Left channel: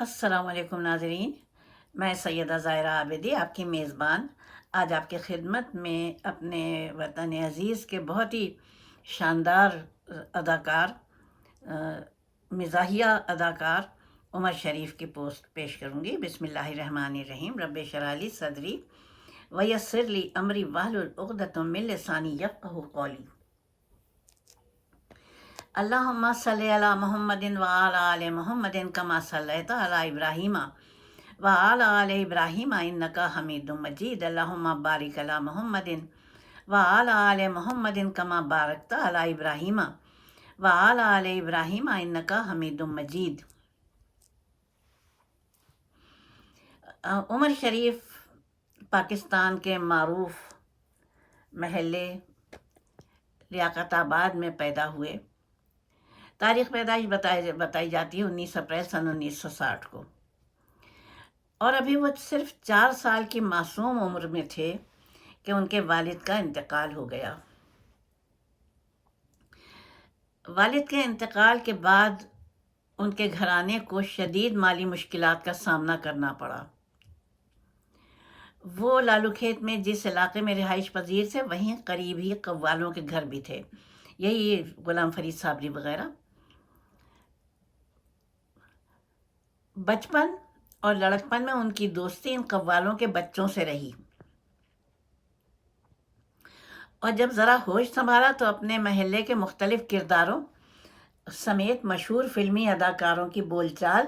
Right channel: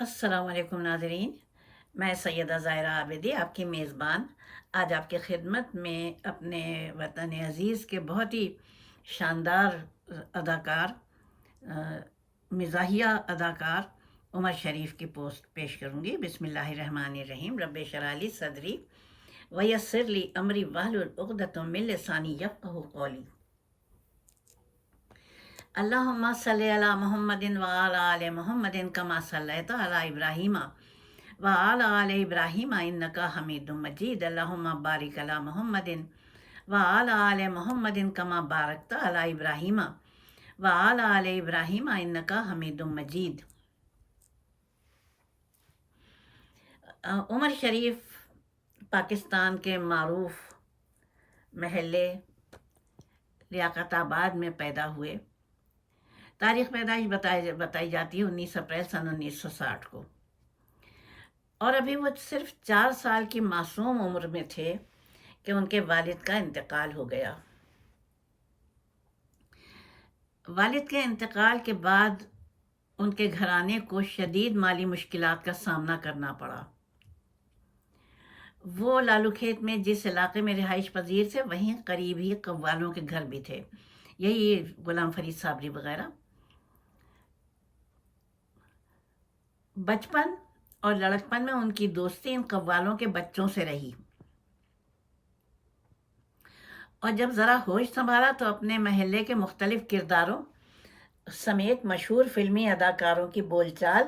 السلام علیکم ناظرین، میں سیدہ ظاہرہ عابدی، آپ کی میزبان۔ آج آپ کی خدمت میں اپنے وطن عزیز کے بہت ہی شاندار اداکار مزاحیہ اداکار عمر شریف کی پوسٹ پیش کروں گی۔ بسم اللہ الرحمن الرحیم، رب شرالی صدری ویسر لی امری واہل العقدۃ من لسانی یفقہ قولی۔ اللہم صلی علی محمد وعلی آل محمد کما صلیت علی ابراہیم وعلی آل ابراہیم انکا حمید مجید اللہم بارک علی محمد وعلی آل محمد کما بارکت علی ابراہیم وعلی آل ابراہیم انکا حمید مجید عمر شریف پاکستان کے معروف محلے لیاقت آباد میں پیدا ہوئے۔ تاریخ پیدائش بتائی بتائی جاتی ہے انیس اپریل سن انیس سو ساٹھ کو۔ اور ابھی وہ صرف چار سال کی معصوم عمر میں تھے کہ ان کے والد کا انتقال ہو گیا۔ والد کے انتقال کے بعد ان کے گھرانے کو شدید مالی مشکلات کا سامنا کرنا پڑا۔ وہ لالو کھیت میں جس علاقے میں رہائش پذیر تھے، وہیں قریب ہی قوالوں کے گھر بھی تھے۔ یہی غلام فرید صابری وغیرہ۔ بچپن اور لڑکپن میں ان کی دوستی ان قوالوں کے بچوں سے رہی۔ اور جب ذرا ہوش سنبھالا تو اپنے محلے کے مختلف کرداروں سمیت مشہور فلمی اداکاروں کی بول چال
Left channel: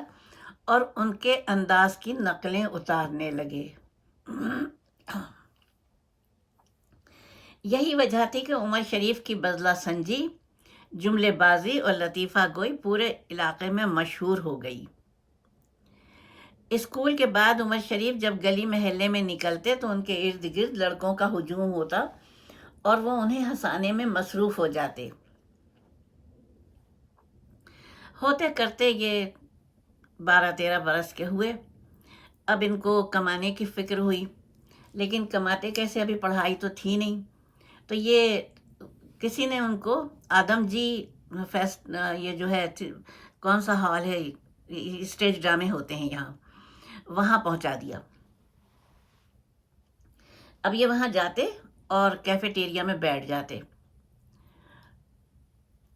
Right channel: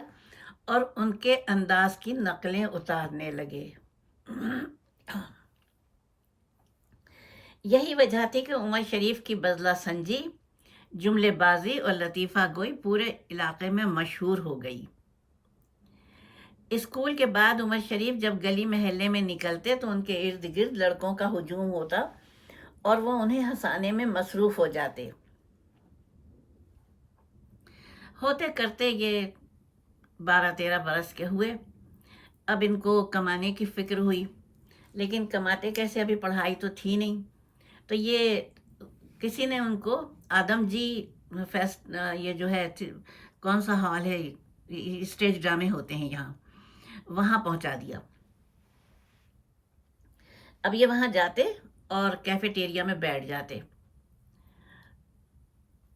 اور ان کے انداز کی نقلیں اتارنے لگے۔ یہی وجہ تھی کہ عمر شریف کی بزلہ سنجی، جملے بازی اور لطیفہ گوئی پورے علاقے میں مشہور ہو گئی۔ اسکول کے بعد عمر شریف جب گلی محلے میں نکلتے تو ان کے ارد گرد لڑکوں کا ہجوم ہوتا اور وہ انہیں ہنسانے میں مصروف ہو جاتے۔ ہوتے کرتے یہ بارہ تیرہ برس کے ہوئے۔ اب ان کو کمانے کی فکر ہوئی، لیکن کماتے کیسے؟ ابھی پڑھائی تو تھی نہیں۔ تو یہ کسی نے ان کو آدم جی فیسٹ یہ جو ہے، کون سا ہال ہے؟ اسٹیج ڈرامے ہوتے ہیں یہاں۔ وہاں پہنچا دیا۔ اب یہ وہاں جاتے اور کیفیٹیریا میں بیٹھ جاتے۔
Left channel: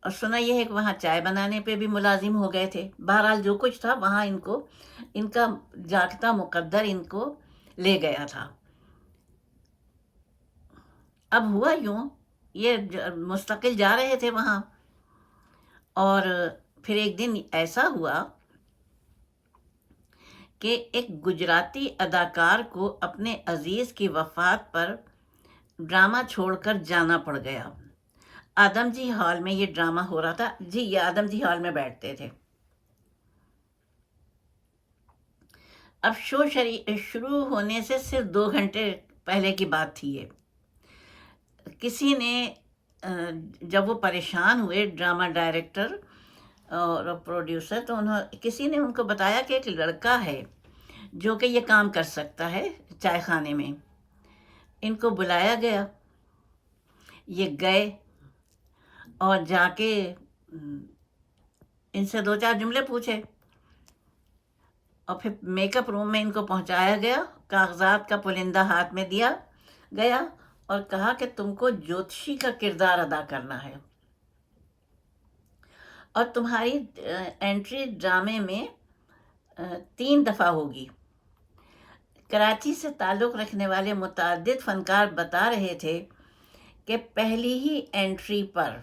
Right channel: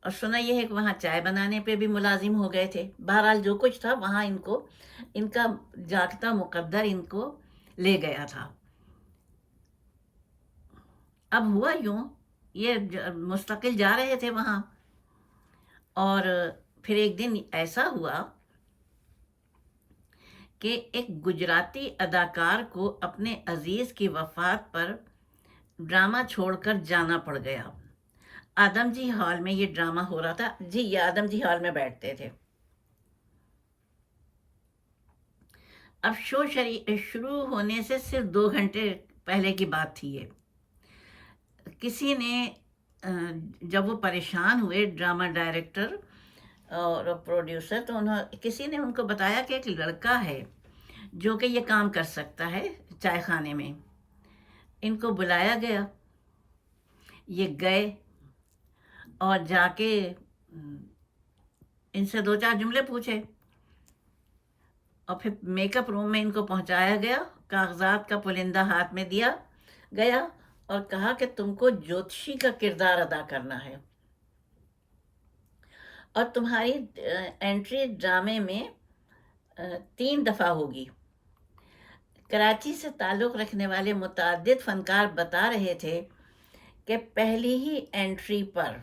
اور سنا یہ ہے کہ وہاں چائے بنانے پہ بھی ملازم ہو گئے تھے۔ بہرحال جو کچھ تھا وہاں ان کو، ان کا جاگتا مقدر ان کو لے گیا تھا۔ اب ہوا یوں، یہ مستقل جا رہے تھے وہاں۔ اور پھر ایک دن ایسا ہوا کہ ایک گجراتی اداکار کو اپنے عزیز کی وفات پر ڈرامہ چھوڑ کر جانا پڑ گیا۔ آدم جی ہال میں یہ ڈرامہ ہو رہا تھا۔ جی یہ آدم جی ہال میں بیٹھتے تھے۔ اب شو شروع ہونے سے صرف دو گھنٹے پہلے کی بات تھی یہ۔ کسی نے جب وہ پریشان ہوئے ڈرامہ ڈائریکٹر اور پروڈیوسر تو انہوں کسی نے ان کو بتایا کہ ایک لڑکا ہے جو کہ یہ کام کر سکتا ہے چائے خانے میں۔ ان کو بلایا گیا۔ یہ گئے اور جا کے ان سے دو چار جملے پوچھے۔ اور پھر میک اپ روم میں ان کو پہنچایا گیا، کاغذات کا پلندہ ہاتھ میں دیا گیا اور کہا کہ تم کو جوتشی کا کردار ادا کرنا ہے۔ اور تمہاری انٹری ڈرامے میں تین دفعہ ہوگی۔ کراچی سے تعلق رکھنے والے متعدد فنکار بتا رہے تھے کہ پہلی ہی انٹری پر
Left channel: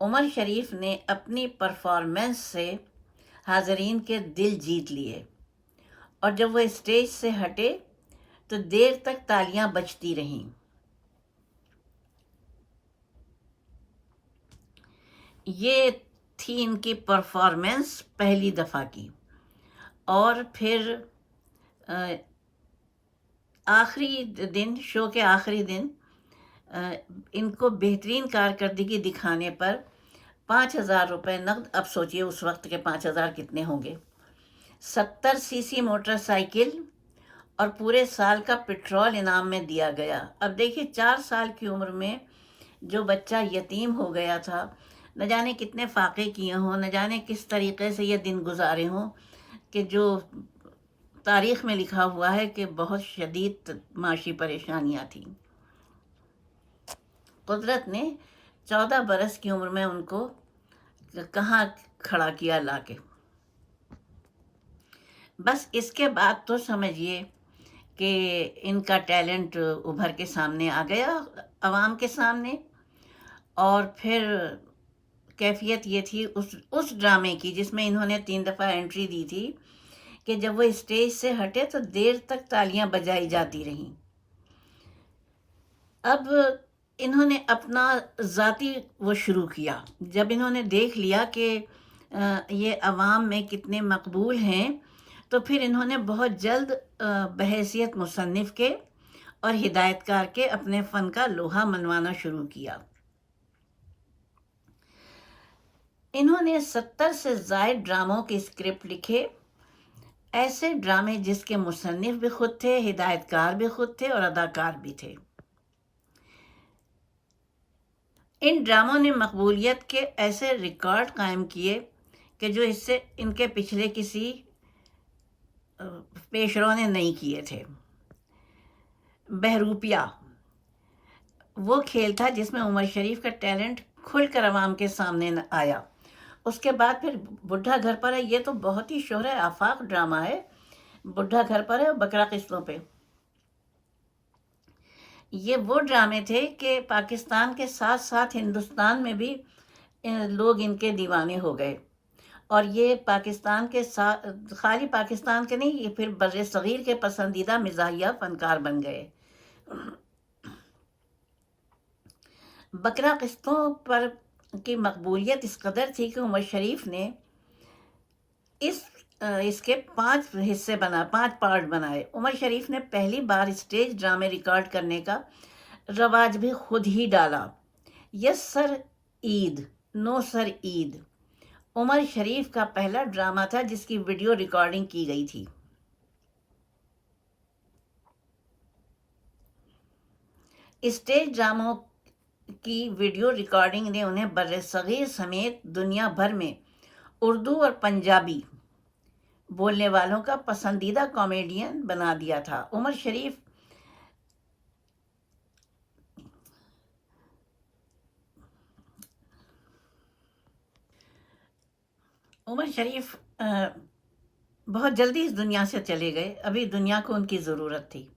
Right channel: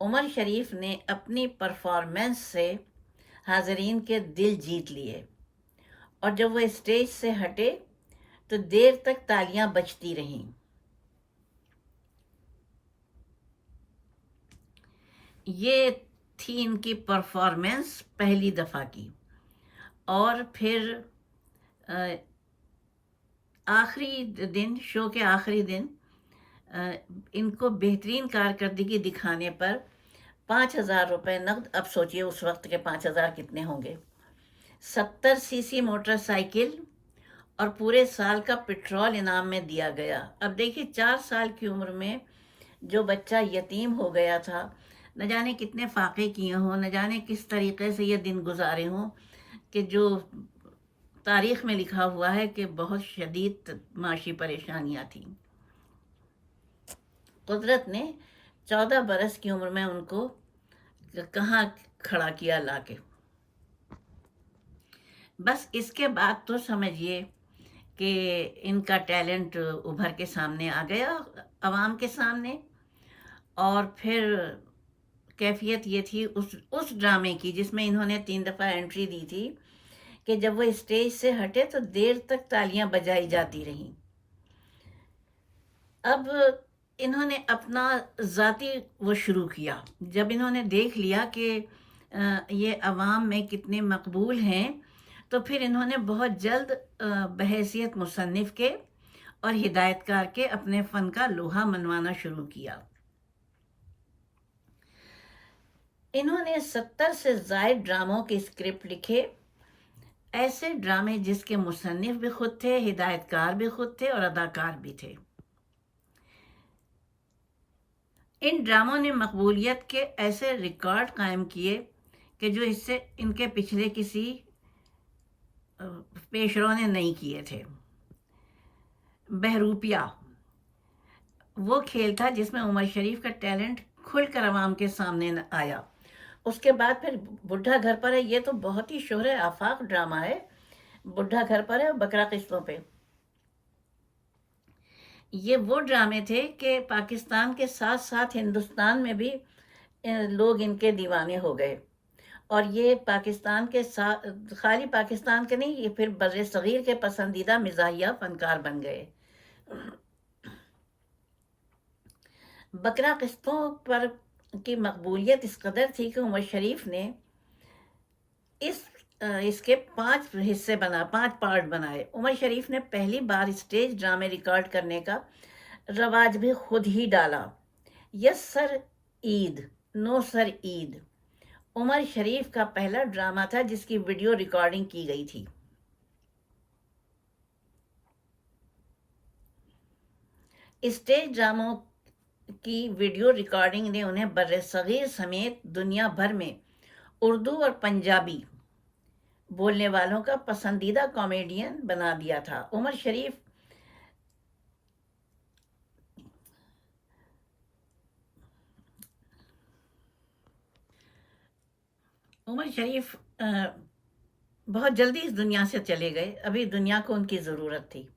عمر شریف نے اپنی پرفارمنس سے حاضرین کے دل جیت لیے۔ اور جب وہ اسٹیج سے ہٹے تو دیر تک تالیاں بجتی رہیں۔ یہ تھی ان کی پرفارمنس پہلی دفعہ کی۔ اور پھر آخری دن، شو کے آخری دن ان کو بہترین کارکردگی دکھانے پر پانچ ہزار روپے نقد۔ اب سوچیے اس وقت کے پانچ ہزار کتنے ہوں گے۔ ستر سی سی موٹر سائیکل اور پورے سال کا پٹرول انعام میں دیا گیا۔ اب دیکھیے چار سال کی عمر میں جو بچہ یتیم ہو گیا تھا نہ جانے کتنے فاقے کیے ہوں، نہ جانے کس طریقے سے یہ دن گزارے ہوں کہ جو تاریخ میں لکھا ہوا ہے کہ بہت شدید معاشی پریشانیاں تھیں۔ قدرت نے چودہ برس کی عمر میں ان کو کہاں کھڑا کیا لا کے۔ بس اس کے بعد تو سمجھیے کہ ان کا ٹیلنٹ ابھر کے سامنے آ گیا، عوام کے سامنے، اور پھر کیفیت یہ تھی اس اس ڈرامے کی جس میں انہوں نے تین دفعہ انٹری دی تھی کہ جب وہ اسٹیج سے ہٹے تو دیر تک تالیاں بجائی جاتی رہیں۔ اب انہوں نے اپنا ذاتی وہ شروع کیا۔ جب انہوں نے دیکھ لیا کہ یہ عوام میں کتنے مقبول ہیں، تو پھر انہوں نے بہت جلد بحیثیت مصنف کے اور ہدایت کار کے اپنے فن کا لوہا منوانا شروع کیا۔ انہوں نے ستر سے زائد ڈراموں کے اسکرپٹ لکھے۔ ایسے ڈرامے جس کے مصنف بھی خود تھے ہدایت کار بھی خود تھے اور اداکار بھی تھے۔ ان ڈراموں نے مقبولیت کے ایسے ریکارڈ قائم کیے کہ جو اس سے ان کے پچھلے کسی پیشروں نے نہیں کیے تھے۔ بہروپیہ وہ کھیل تھا جس میں عمر شریف کا ٹیلنٹ کھل کر عوام کے سامنے آیا۔ اس کے بعد پھر بڈھا گھر پر ہے، یہ تو بہت ہی شہر آفاق ڈرامہ ہے، بڈھا گھر پر ہے اور بکرا قسطوں پہ۔ یہ وہ ڈرامے تھے کہ پاکستان کے ساتھ ساتھ ہندوستان میں بھی لوگ ان کے دیوانے ہو گئے۔ اور یہ پاکستان کے ساتھ خالی پاکستان کے نہیں، یہ پھر بر صغیر کے پسندیدہ مزاحیہ فنکار بن گئے۔ بکرا قسطوں پر کی مقبولیت اس قدر تھی کہ عمر شریف نے اس اس کے پانچ حصے بنا، پانچ پارٹ بنائے۔ عمر شریف نے پہلی بار اسٹیج ڈرامے ریکارڈ کرنے کا رواج بھی خود ہی ڈالا۔ یس سر عید نو سر عید۔ عمر شریف کا پہلا ڈرامہ تھا جس کی ویڈیو ریکارڈنگ کی گئی تھی۔ اسٹیج ڈراموں کی ویڈیو ریکارڈنگ نے انہیں بر صغیر سمیت دنیا بھر میں اردو اور پنجابی بولنے والوں کا پسندیدہ کامیڈین بنا دیا تھا۔ عمر شریف عمر شریف بہت جلدی اس دنیا سے چلے گئے۔ ابھی دنیا کو ان کی ضرورت تھی۔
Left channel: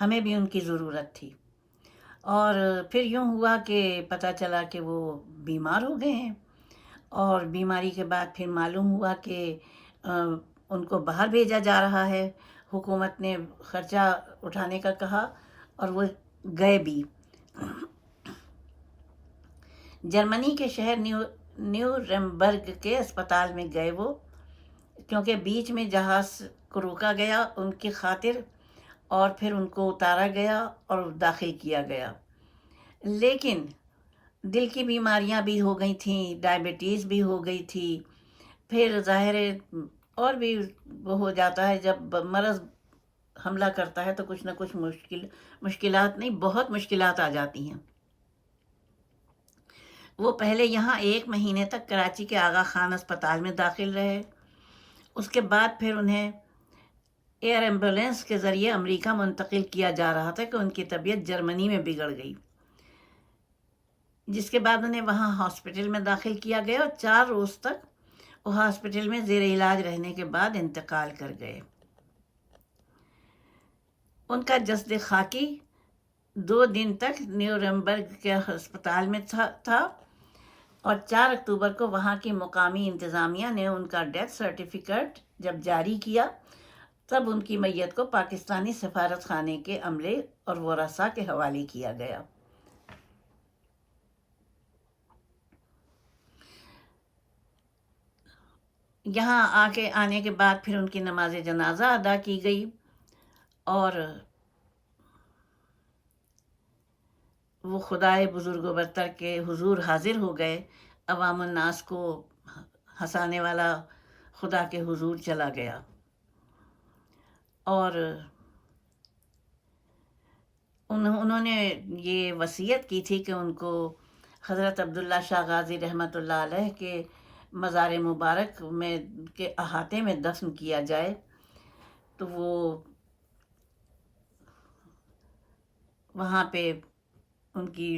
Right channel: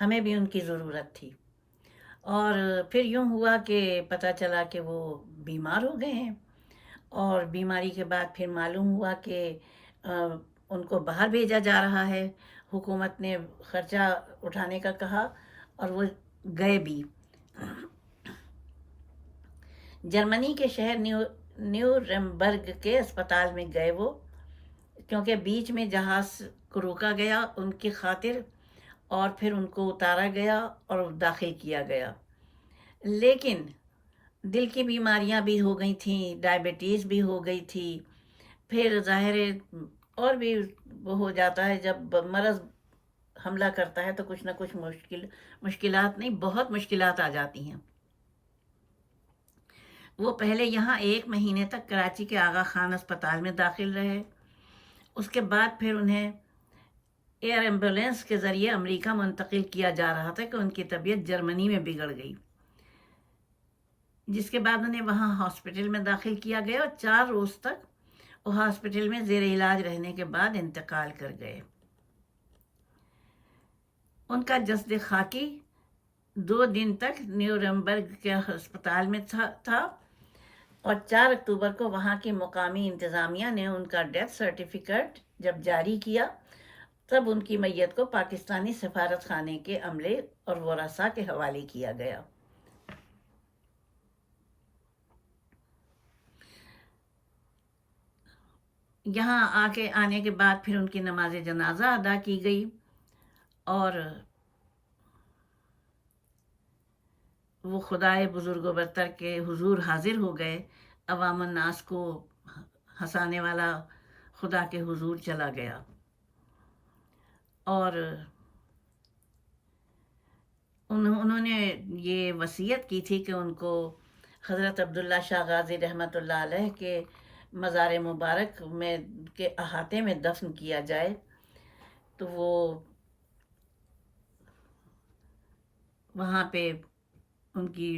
ہمیں بھی ان کی ضرورت تھی۔ اور پھر یوں ہوا کہ پتہ چلا کہ وہ بیمار ہو گئے ہیں۔ اور بیماری کے بعد پھر معلوم ہوا کہ ان کو باہر بھیجا جا رہا ہے۔ حکومت نے خرچہ اٹھانے کا کہا اور وہ گئے بھی۔ جرمنی کے شہر نیو نیو ریمبرگ کے اسپتال میں گئے وہ۔ کیونکہ بیچ میں جہاز کو روکا گیا، ان کی خاطر اور پھر ان کو اتارا گیا اور داخل کیا گیا۔ لیکن دل کی بیماریاں بھی ہو گئی تھیں، ڈائبٹیز بھی ہو گئی تھی۔ پھر ظاہر اور بھی وہ ہو جاتا ہے، جب مرض حملہ کرتا ہے تو کچھ نہ کچھ مشکل، مشکلات نہیں، بہت مشکلات آ جاتی ہیں۔ وہ پہلے یہاں ایک مہینے تک کراچی کے آغا خان اسپتال میں داخل رہے۔ اس کے بعد پھر انہیں ایئر ایمبولینس کے ذریعے امریکہ منتقل کیا جا رہا تھا کہ ان کی طبیعت جرمنی میں بگڑ گئی۔ جس کے بعد انہیں وہاں ہاسپٹل میں داخل کیا گیا اور چار روز تک وہ ہاسپٹل میں زیر علاج رہنے کے بعد انتقال کر گئے۔ ان کا جسد خاکی دو دن تک نیو ریمبرگ کے ہسپتال میں تھا۔ اور چار اکتوبر کو وہاں کی مقامی انتظامیہ نے ان کا ڈیتھ سرٹیفکیٹ جب جاری کیا تب ان کی میت کو پاکستانی سفارت خانے کے عملے اور ورثا کے حوالے کیا گیا۔ یہاں آ کے آنے کے بعد پھر ان کی نماز جنازہ ادا کی گئی اور وہ خدائے بزرگ و برتر کے حضور حاضر ہو گئے۔ عوام الناس کو ہنسانے والا خدا کے حضور چلا گیا۔ اور انہوں نے یہ وصیت کی تھی کہ ان کو حضرت عبداللہ شاہ غازی رحمۃ اللہ علیہ کے مزار مبارک میں کے احاطے میں دفن کیا جائے۔ تو وہ وہاں پہ ان کی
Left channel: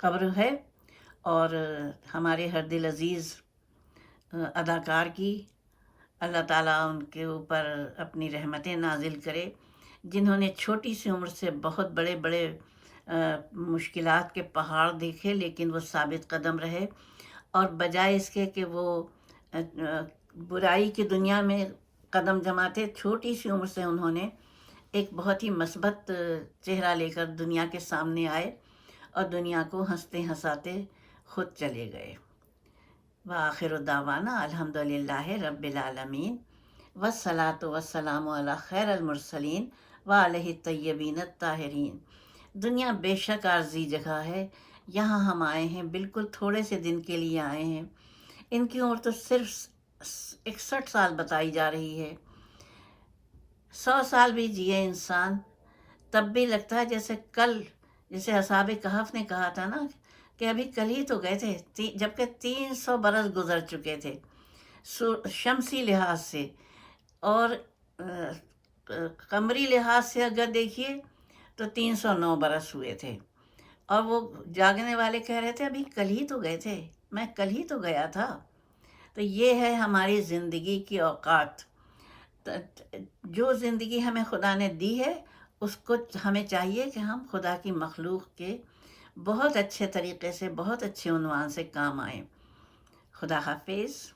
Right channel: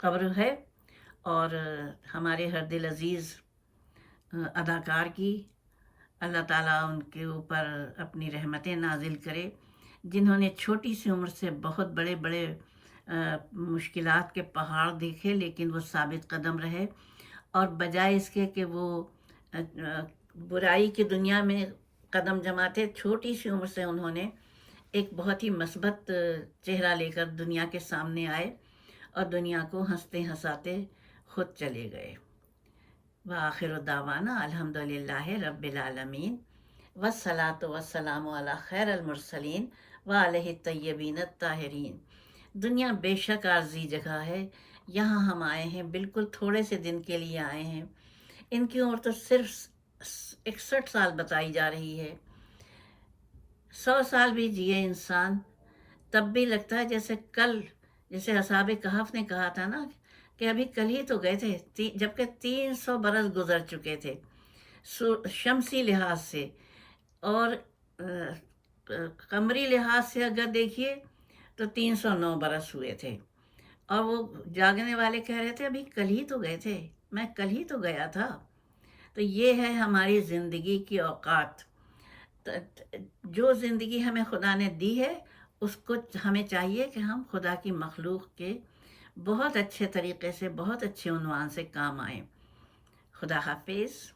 قبر ہے اور ہمارے ہر دل عزیز اداکار کی اللہ تعالیٰ ان کے اوپر اپنی رحمتیں نازل کرے۔ جنہوں نے چھوٹی سی عمر سے بہت بڑے بڑے مشکلات کے پہاڑ دیکھے، لیکن وہ ثابت قدم رہے۔ اور بجائے اس کے کہ وہ برائی کی دنیا میں قدم جماتے، چھوٹی سی عمر سے انہوں نے ایک بہت ہی مثبت چہرہ لے کر دنیا کے سامنے آئے اور دنیا کو ہنستے ہنساتے خود چلے گئے۔ وآخر دعوانا الحمد للہ رب العالمین وسلاۃ وسلام علی خیر المرسلین و علیہ طیبین الطاہرین۔ دنیا بے شک عارضی جگہ ہے۔ یہاں ہم آئے ہیں، بالکل تھوڑے سے دن کے لیے آئے ہیں۔ ان کی عمر تو صرف اکسٹھ سال بتائی جا رہی ہے۔ سو سال بھی جیے انسان، تب بھی لگتا ہے جیسے کل، جیسے اصحاب کہف نے کہا تھا نا کہ ابھی کل ہی تو گئے تھے جبکہ تین سو برس گزر چکے تھے شمسی لحاظ سے۔ اور قمری لحاظ سے اگر دیکھیے تو تین سو نو برس ہوئے تھے۔ اور وہ جاگنے والے کہہ رہے تھے، ابھی کل ہی تو گئے تھے۔ میں کل ہی تو گیا تھا۔ تو یہ ہے ہماری زندگی کی اوقات۔ جو زندگی ہمیں خدا نے دی ہے، اس کو ہمیں چاہیے کہ ہم خدا کی مخلوق کے بہت اچھے طریقے سے بہت اچھے عنوان سے کام آئیں خدا حافظ۔